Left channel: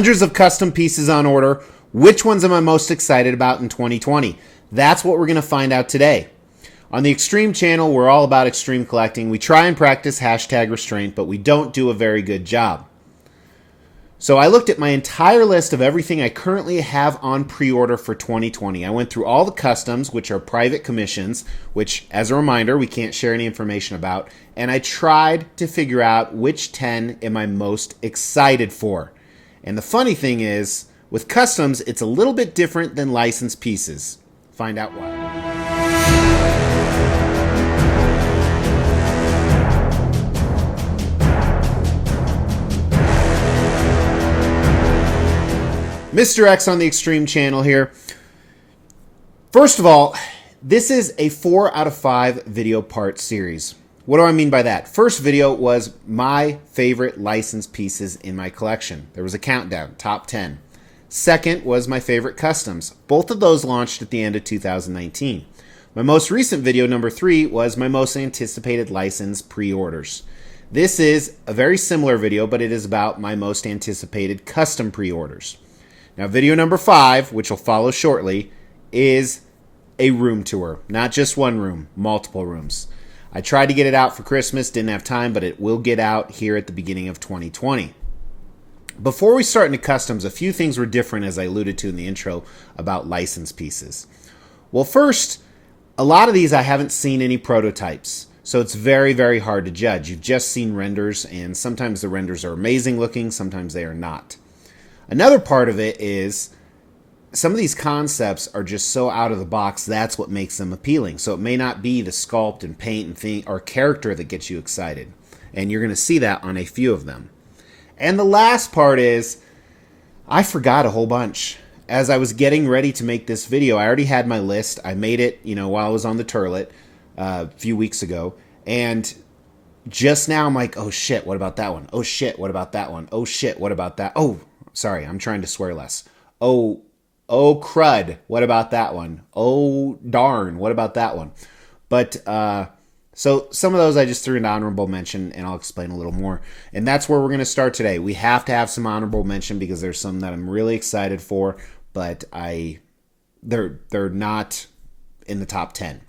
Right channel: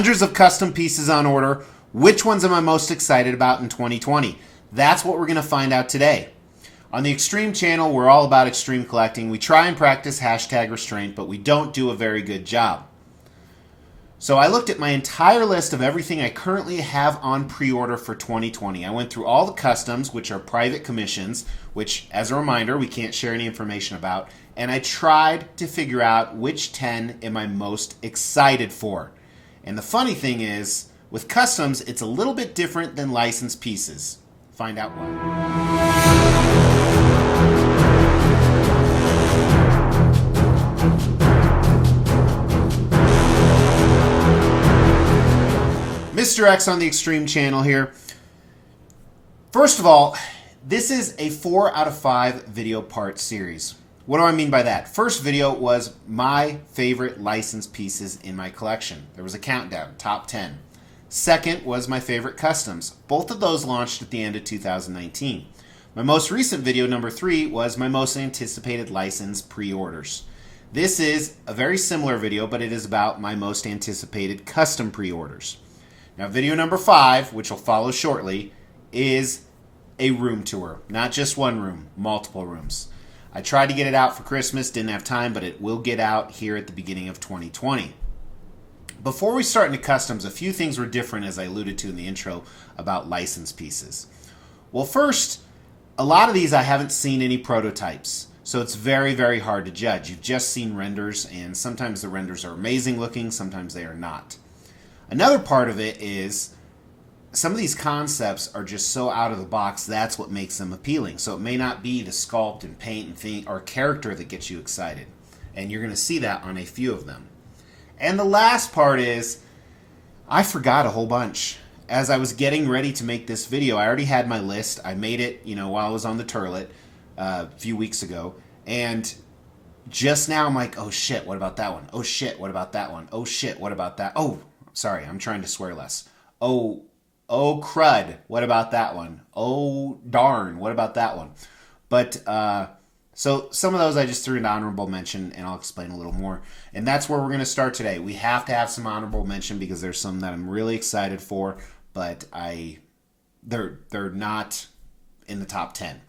Hundreds of custom pieces on order. Which ones am I most excited about in 2020? That's what we're going to find out today. On the Extreme channel, we're all about extreme collecting. We try and practice hashtag restraint, but we don't do a very good job. So I looked at my entire list of everything I currently have on pre-order for 2020. I went through all the customs, which are private commissions, which, as a reminder, we can't share any information about, and I tried to figure out which 10 am I most excited for. And the funny thing is, with customs, it's a little bit different than licensed pieces. Find out why. Mr. X on the Extreme channel here. First of all, this is a 4 out of 5 video part series. What do I mean by that? First video was my favorite licensed pieces in my collection. There was a countdown, top 10. Second was my favorite customs. Both of those launched at the end of 2019. My most recent video, number 3, was my most anticipated license pre-orders. This is a very similar video, but it is about my most anticipated custom pre-orders. Now, video number 5, which will follow shortly, is a room tour. Not just one room, multiple rooms. I tried to get it out for Christmas, didn't have time, but it will get out here at the beginning of 2020. Before we start into customs, a few things were different, as I alluded to in the intro, about licensed pieces. Well, first, a lot of these I haven't seen any prototypes, so it's very, very hard to judge. You've just seen renders, and sometimes the renders are amazing looking, sometimes they are not. Another part of it is some of these concepts are just so out of the box, that's what makes them appealing. So it may not be the sculpt and paint and thing or character that gets you excited. And you're going to see that on a few of them. And the last part is, I forgot a whole bunch. As I was getting ready to make this video, I already had my list. I made it, while I was on the turlet a few weeks ago. And just now I'm like, oh shit, what about that one? Oh shit, what about that one? Oh shit, what about that? Oh, sorry, I'm trying to swear less. Oh crud, what about that one? Oh darn, what about that one? But so some of those I just threw into honorable mention, and I'll explain a little more. And that's where we're going to start today. We have to have some honorable mention because there's some that I'm really excited for, but they're not in the top 10.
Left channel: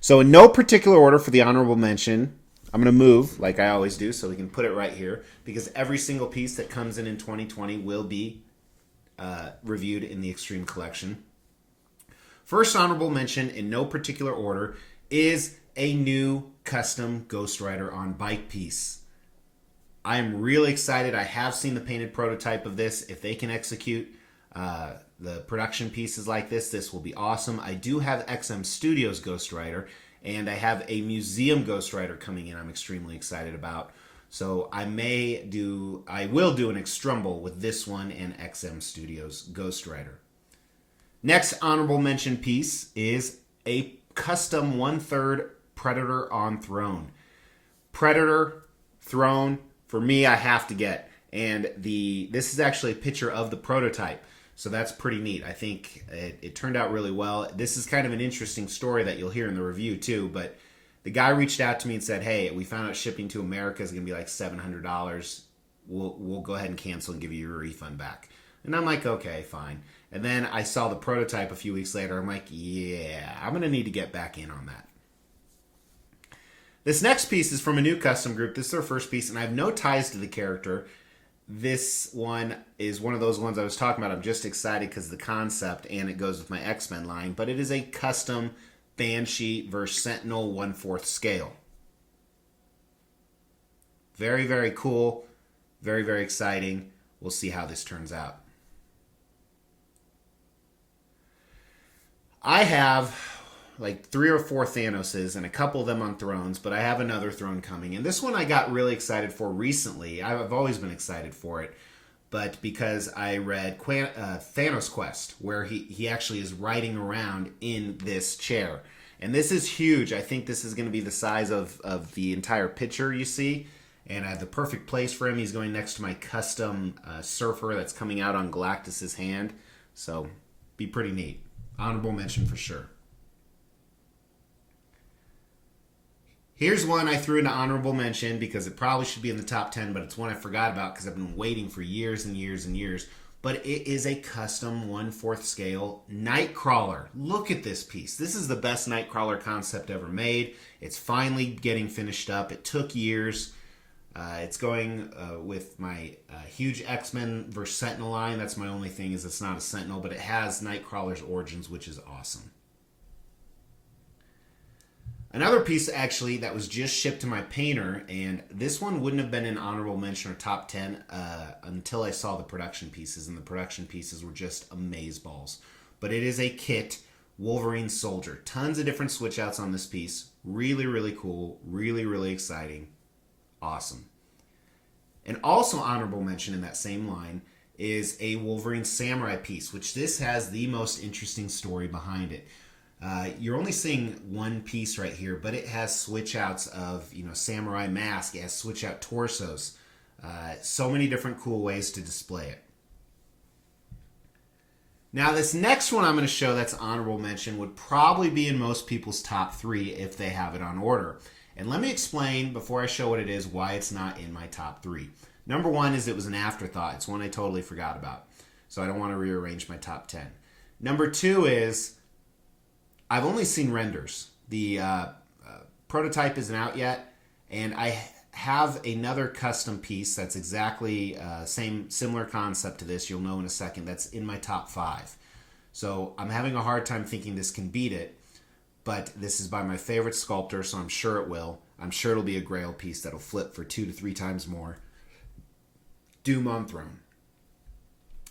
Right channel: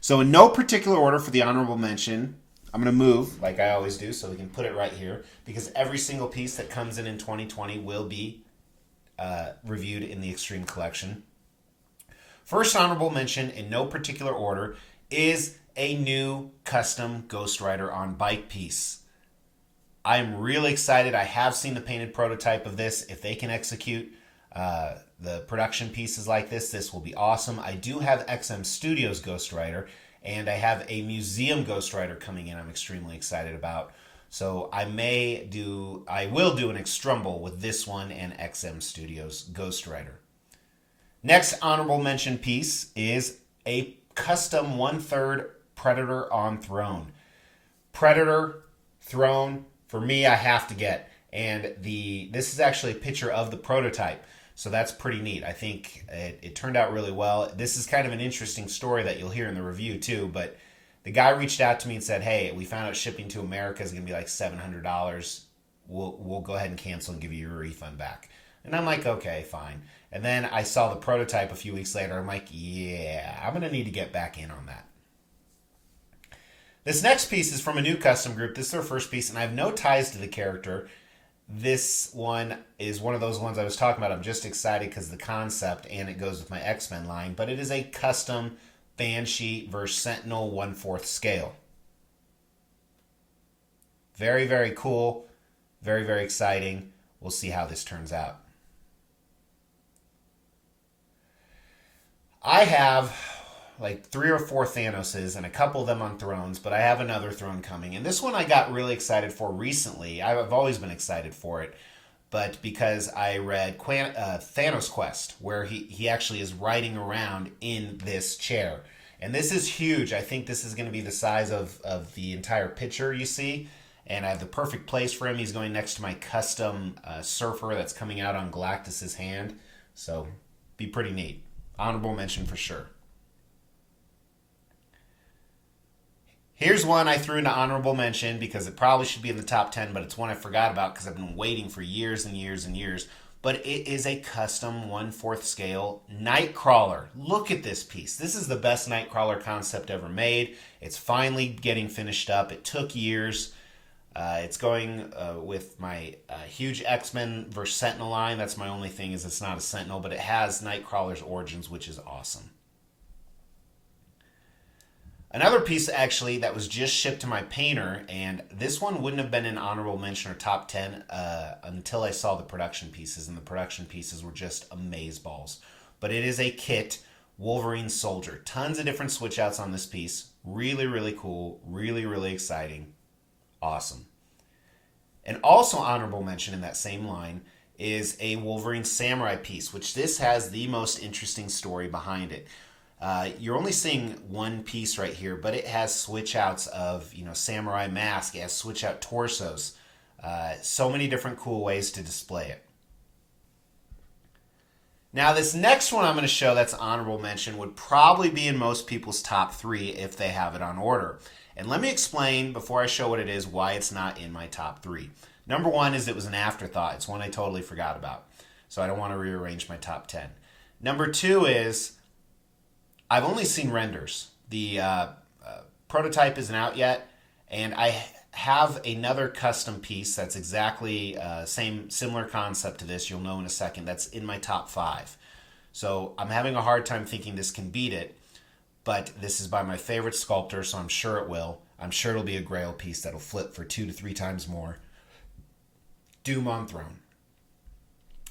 So in no particular order for the honorable mention, I'm going to move like I always do so we can put it right here, because every single piece that comes in 2020 will be reviewed in the Extreme Collection. First honorable mention, in no particular order, is a new custom Ghost Rider on bike piece. I'm really excited. I have seen the painted prototype of this. If they can execute the production pieces like this, this will be awesome. I do have XM Studios Ghost Rider, and I have a museum Ghost Rider coming in I'm extremely excited about. So I will do an Extrumble with this one and XM Studios Ghost Rider. Next honorable mention piece is a custom 1/3 Predator on Throne. Predator Throne, for me, I have to get. And this is actually a picture of the prototype. So that's pretty neat. I think it turned out really well. This is kind of an interesting story that you'll hear in the review too, but the guy reached out to me and said, hey, we found out shipping to America is going to be like $700. We'll go ahead and cancel and give you your refund back. And I'm like, okay, fine. And then I saw the prototype a few weeks later. I'm like, yeah, I'm going to need to get back in on that. This next piece is from a new custom group. This is their first piece, and I have no ties to the character. This one is one of those ones I was talking about. I'm just excited because the concept, and it goes with my X-Men line, but it is a custom Banshee versus Sentinel 1/4 scale. Very, very cool. Very, very exciting. We'll see how this turns out. I have like 3 or 4 Thanoses and a couple of them on thrones, but I have another throne coming. And this one I got really excited for recently. I've always been excited for it, but because I read Thanos Quest, where he actually is riding around in this chair. And this is huge. I think this is going to be the size of the entire picture you see. And I have the perfect place for him. He's going next to my custom surfer that's coming out on Galactus's hand. So, be pretty neat. Honorable mention for sure. Here's one I threw into honorable mention because it probably should be in the top 10, but it's one I forgot about because I've been waiting for years and years and years. but it is a custom 1/4 scale Nightcrawler. Look at this piece. This is the best Nightcrawler concept ever made. It's finally getting finished up. It took years. It's going with my huge X-Men vs. Sentinel line. That's my only thing, is it's not a Sentinel, but it has Nightcrawler's origins, which is awesome. Another piece, actually, that was just shipped to my painter, and this one wouldn't have been an honorable mention or top 10 until I saw the production pieces, and the production pieces were just amazeballs. But it is a kit Wolverine Soldier. Tons of different switch outs on this piece. Really, really cool. Really, really exciting. Awesome. And also honorable mention in that same line is a Wolverine Samurai piece, which this has the most interesting story behind it. You're only seeing one piece right here, but it has switch outs of, samurai mask. It has switch out torsos. So many different cool ways to display it. Now, this next one I'm going to show that's honorable mention would probably be in most people's top 3 if they have it on order. And let me explain, before I show what it is, why it's not in my top 3. Number 1 is it was an afterthought. It's one I totally forgot about. So I don't want to rearrange my top 10. Number 2 is I've only seen renders. The prototype isn't out yet, and I have another custom piece that's exactly similar concept to this. You'll know in a second. That's in my top 5. So I'm having a hard time thinking this can beat it, but this is by my favorite sculptor, so I'm sure it will. I'm sure it'll be a Grail piece that'll flip for 2 to 3 times more. Doom on Throne.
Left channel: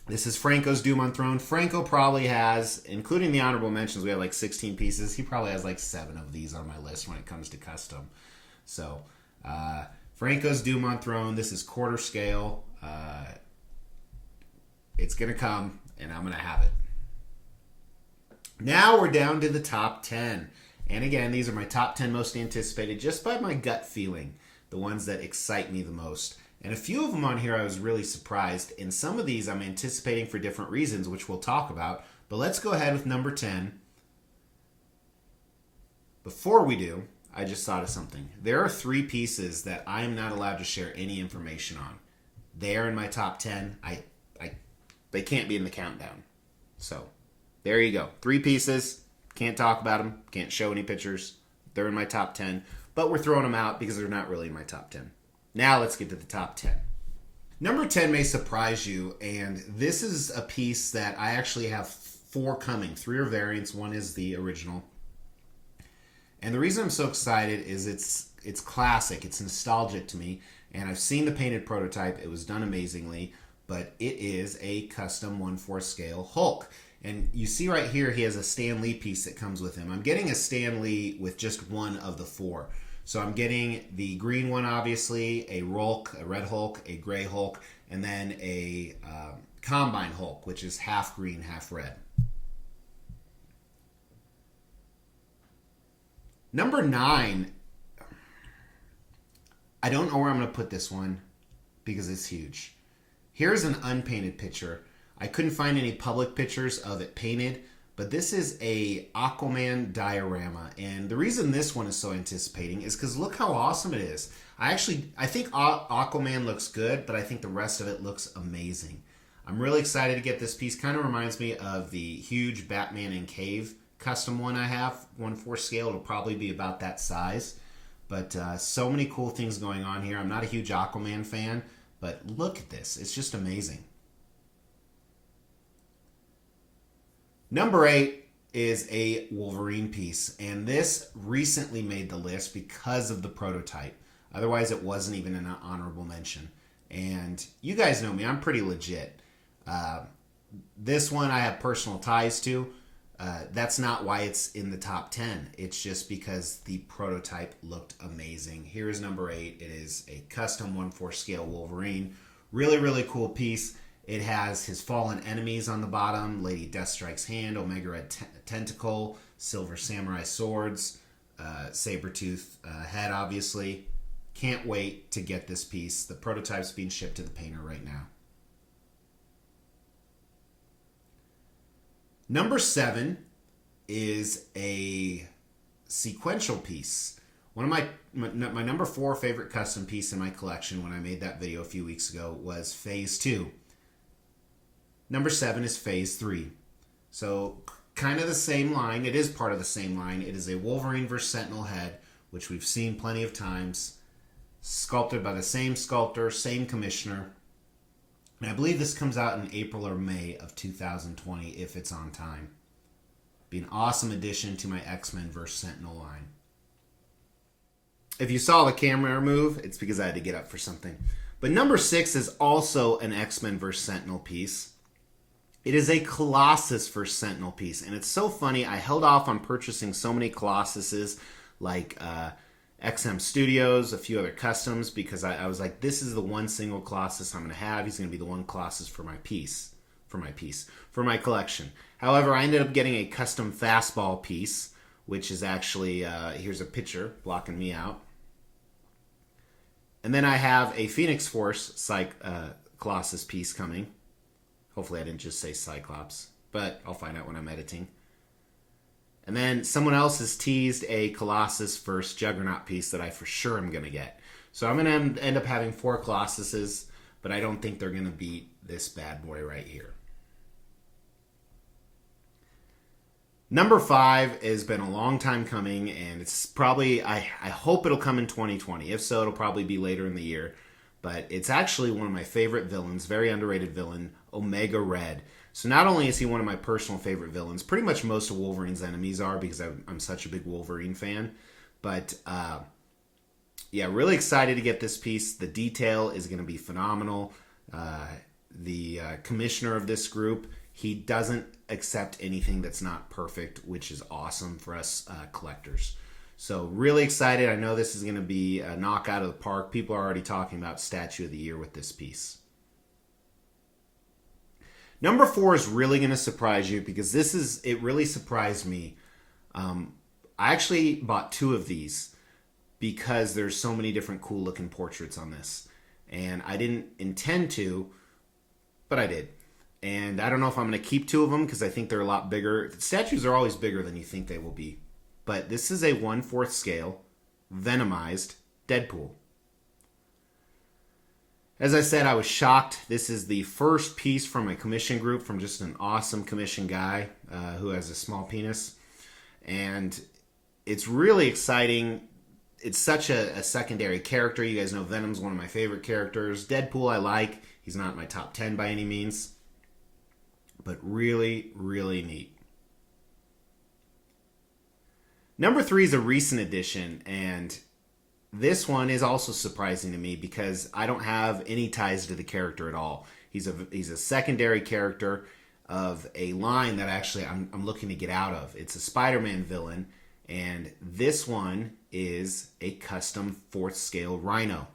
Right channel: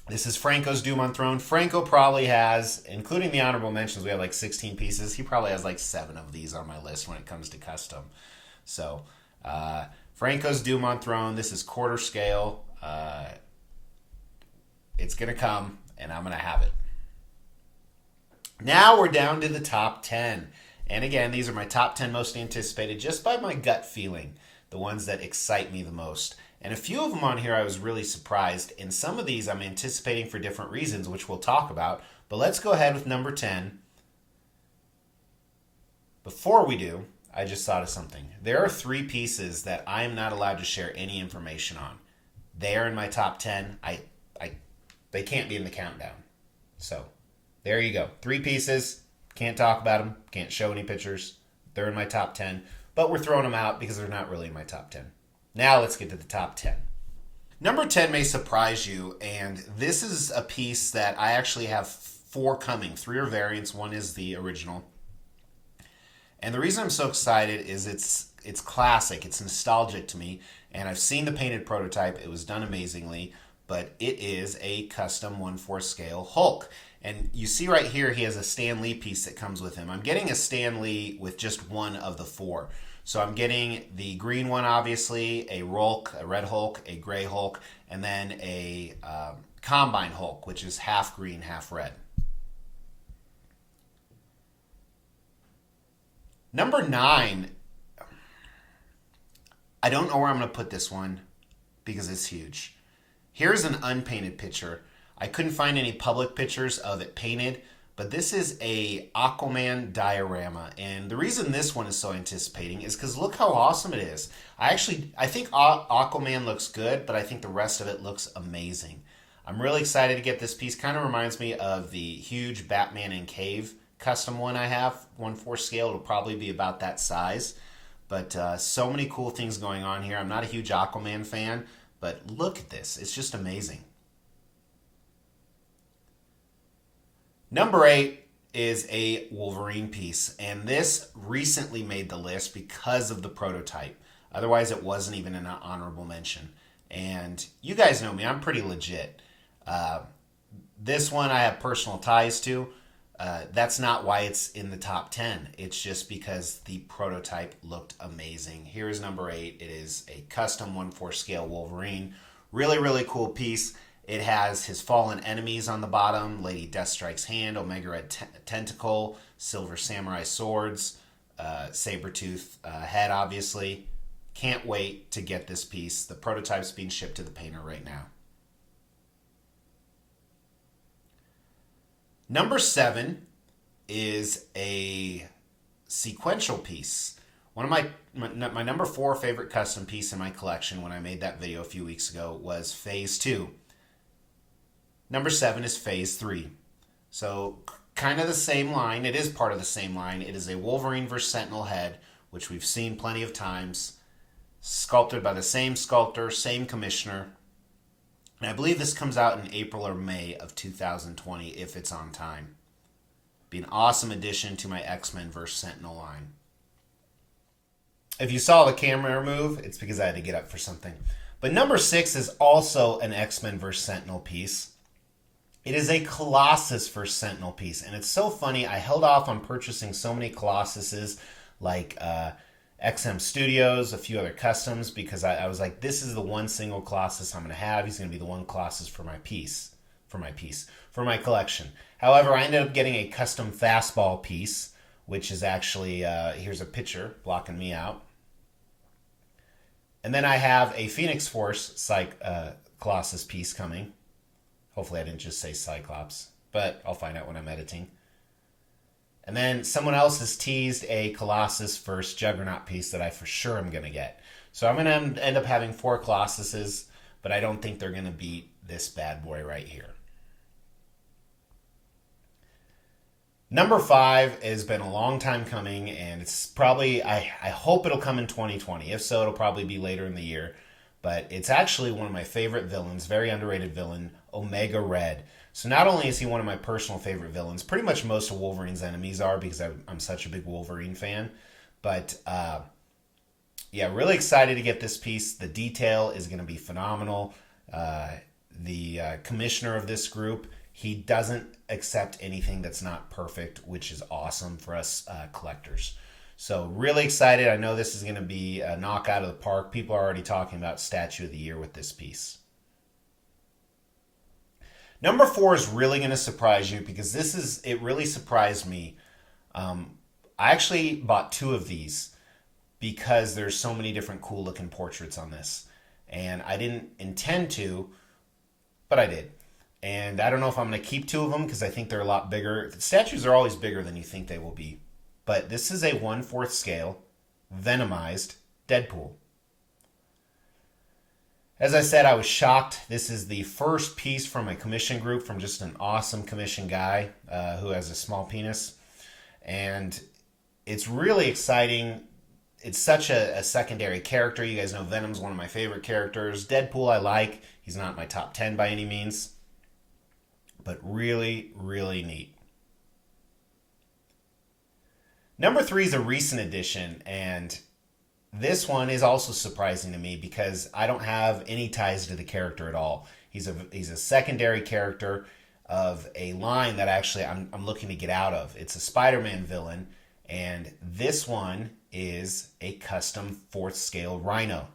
This is Franco's Doom on Throne. Franco probably has, including the honorable mentions, we have like 16 pieces. He probably has like 7 of these on my list when it comes to custom. So, Franco's Doom on Throne. This is quarter scale. It's going to come, and I'm going to have it. Now we're down to the top 10. And again, these are my top 10 most anticipated just by my gut feeling, the ones that excite me the most. And a few of them on here I was really surprised. In some of these I'm anticipating for different reasons, which we'll talk about. But let's go ahead with number 10. Before we do, I just thought of something. There are 3 pieces that I am not allowed to share any information on. They are in my top 10. They can't be in the countdown. So, there you go. 3 pieces. Can't talk about them. Can't show any pictures. They're in my top 10. But we're throwing them out because they're not really in my top 10. Now let's get to the top 10. Number 10 may surprise you, and this is a piece that I actually have 4 coming. 3 are variants, 1 is the original. And the reason I'm so excited is it's classic, it's nostalgic to me, and I've seen the painted prototype. It was done amazingly, but it is a custom 1/4 scale Hulk. And you see right here, he has a Stan Lee piece that comes with him. I'm getting a Stan Lee with just 1 of the 4. So I'm getting the green one, obviously, a Hulk, a red Hulk, a gray Hulk, and then a Combine Hulk, which is half green, half red. Number 9, I don't know where I'm going to put this one because it's huge. Here's an unpainted picture. I couldn't find any public pictures of it painted, but this is a Aquaman diorama, and the reason this one is so anticipating is because look how awesome it is. I think Aquaman looks good, but I think the rest of it looks amazing. I'm really excited to get this piece. Kind of reminds me of the huge Batman in Cave custom one I have, 1/4 scale. It'll probably be about that size, but so many cool things going on here. I'm not a huge Aquaman fan, but look at this. It's just amazing. Number 8 is a Wolverine piece, and this recently made the list because of the prototype. Otherwise, it wasn't even an honorable mention. And you guys know me, I'm pretty legit. This one I have personal ties to. That's not why it's in the top 10. It's just because the prototype looked amazing. Here is number 8. It is a custom 1/4 scale Wolverine. Really, really cool piece. It has his fallen enemies on the bottom, Lady Deathstrike's hand, Omega Red Tentacle, Silver Samurai swords, Sabretooth head, obviously. Can't wait to get this piece. The prototype's being shipped to the painter right now. Number 7 is a sequential piece. One of my number 4 favorite custom piece in my collection when I made that video a few weeks ago was Phase 2. Number 7 is Phase 3. So kind of the same line. It is part of the same line. It is a Wolverine vs. Sentinel head, which we've seen plenty of times. Sculpted by the same sculptor, same commissioner. And I believe this comes out in April or May of 2020 if it's on time. Be an awesome addition to my X-Men vs. Sentinel line. If you saw the camera move, it's because I had to get up for something. But number 6 is also an X-Men vs. Sentinel piece. It is a Colossus vs. Sentinel piece. And it's so funny, I held off on purchasing so many Colossuses like XM Studios, a few other customs, because I was like, this is the one single Colossus I'm going to have. He's going to be the one Colossus for my collection. However, I ended up getting a custom fastball piece, which is actually, here's a picture blocking me out. And then I have a Phoenix Force Colossus piece coming. Hopefully I didn't just say Cyclops, but I'll find out when I'm editing. And then someone else has teased a Colossus vs. Juggernaut piece that I for sure am going to get. So I'm going to end up having 4 Colossuses, but I don't think they're going to beat this bad boy right here. Number 5 has been a long time coming, and it's probably, I hope it'll come in 2020. If so, it'll probably be later in the year. But it's actually one of my favorite villains, very underrated villain, Omega Red. So not only is he one of my personal favorite villains, pretty much most of Wolverine's enemies are because I'm such a big Wolverine fan. But yeah, really excited to get this piece. The detail is going to be phenomenal. The commissioner of this group, he doesn't accept anything that's not perfect, which is awesome for us collectors. So really excited. I know this is going to be a knockout of the park. People are already talking about Statue of the Year with this piece. Number 4 is really going to surprise you because it really surprised me. I actually bought 2 of these because there's so many different cool looking portraits on this. And I didn't intend to, but I did. And I don't know if I'm going to keep 2 of them because I think they're a lot bigger. The statues are always bigger than you think they will be. But this is a 1/4 scale, Venomized Deadpool. As I said, I was shocked. This is the first piece from a commission group from just an awesome commission guy who has a small penis. And it's really exciting. It's such a secondary character. You guys know Venom's one of my favorite characters. Deadpool I like. He's not my top 10 by any means. But really, really neat. Number 3 is a recent addition, and this one is also surprising to me because I don't have any ties to the character at all. He's a secondary character of a line that actually I'm looking to get out of. It's a Spider-Man villain, and this one is a custom 4th scale Rhino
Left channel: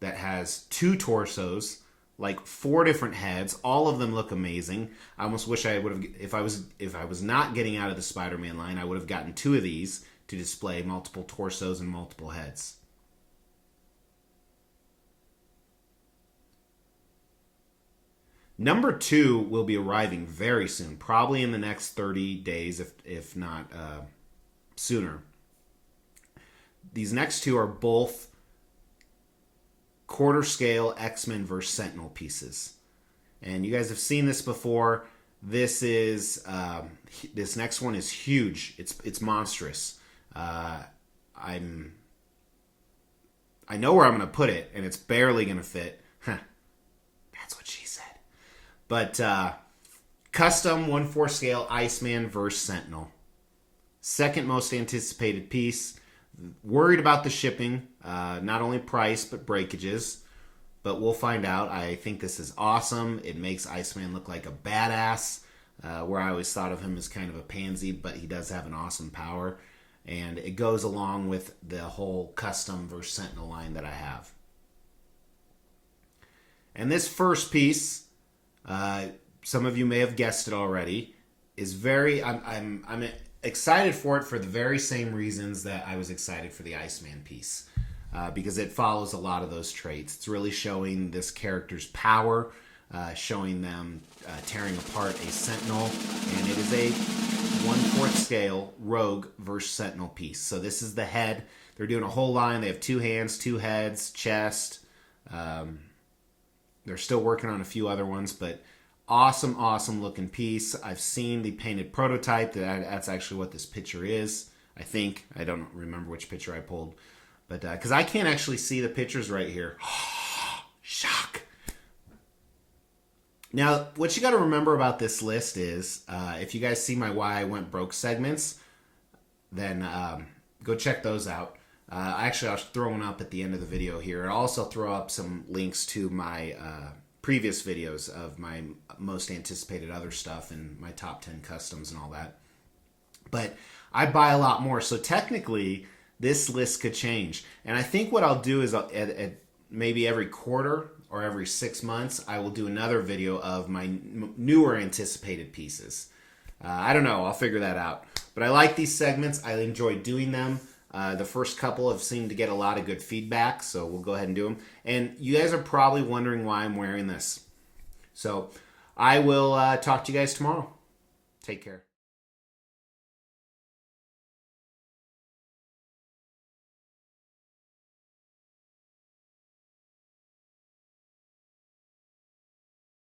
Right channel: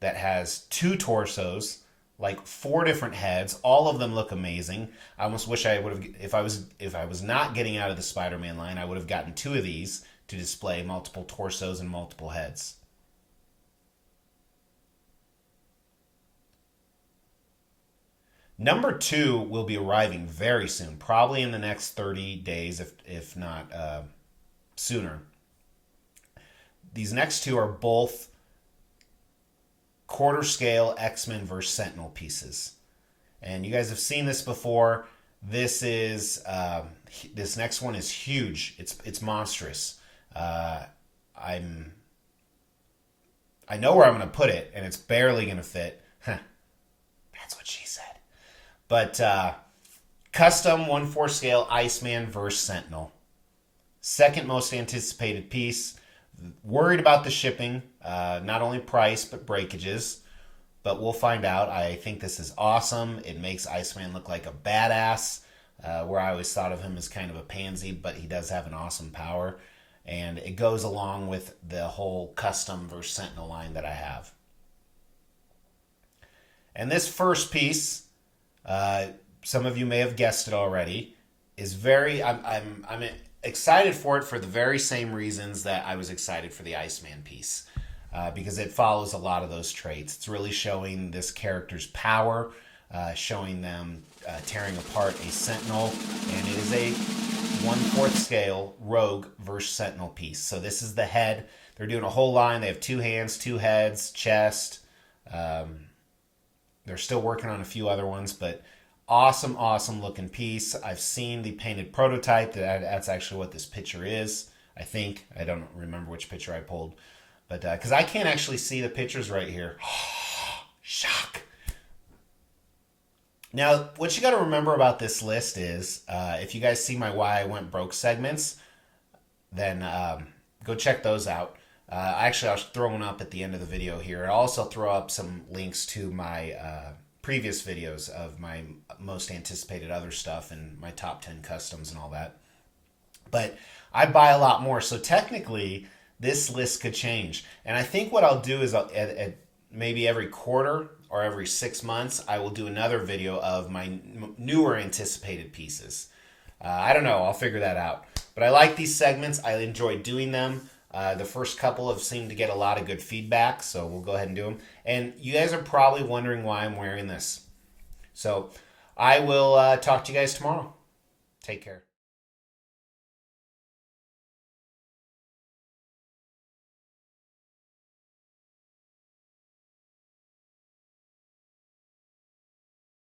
that has 2 torsos, like 4 different heads. All of them look amazing. I almost wish I would have, if I was not getting out of the Spider-Man line, I would have gotten 2 of these to display multiple torsos and multiple heads. Number 2 will be arriving very soon, probably in the next 30 days, if not sooner. These next 2 are both 1/4 scale X-Men vs. Sentinel pieces. And you guys have seen this before. This is this next one is huge. It's monstrous. I know where I'm going to put it, and it's barely going to fit. That's what she said. But custom 1/4 scale Iceman vs. Sentinel. Second most anticipated piece. Worried about the shipping, not only price, but breakages. But we'll find out. I think this is awesome. It makes Iceman look like a badass, where I always thought of him as kind of a pansy, but he does have an awesome power. And it goes along with the whole custom versus Sentinel line that I have. And this first piece, some of you may have guessed it already, is very... I'm excited for it for the very same reasons that I was excited for the Iceman piece. Because it follows a lot of those traits. It's really showing this character's power, showing them tearing apart a Sentinel, and it is a 1/4 scale Rogue versus Sentinel piece. So this is the head. They're doing a whole line. They have 2 hands, 2 heads, chest. They're still working on a few other ones, but Awesome, awesome looking piece. I've seen the painted prototype. That's actually what this picture is. I think. I don't remember which picture I pulled. But because I can't actually see the pictures right here. Shock. Now, what you got to remember about this list is, if you guys see my Why I Went Broke segments, then go check those out. Actually, I'll throw one up at the end of the video here. I'll also throw up some links to my previous videos of my most anticipated other stuff and my top 10 customs and all that. But I buy a lot more, so technically this list could change. And I think what I'll do is at maybe every quarter or every 6 months, I will do another video of my newer anticipated pieces. I don't know. I'll figure that out. But I like these segments. I enjoy doing them. The first couple have seemed to get a lot of good feedback, so we'll go ahead and do them. And you guys are probably wondering why I'm wearing this. So I will talk to you guys tomorrow. Take care.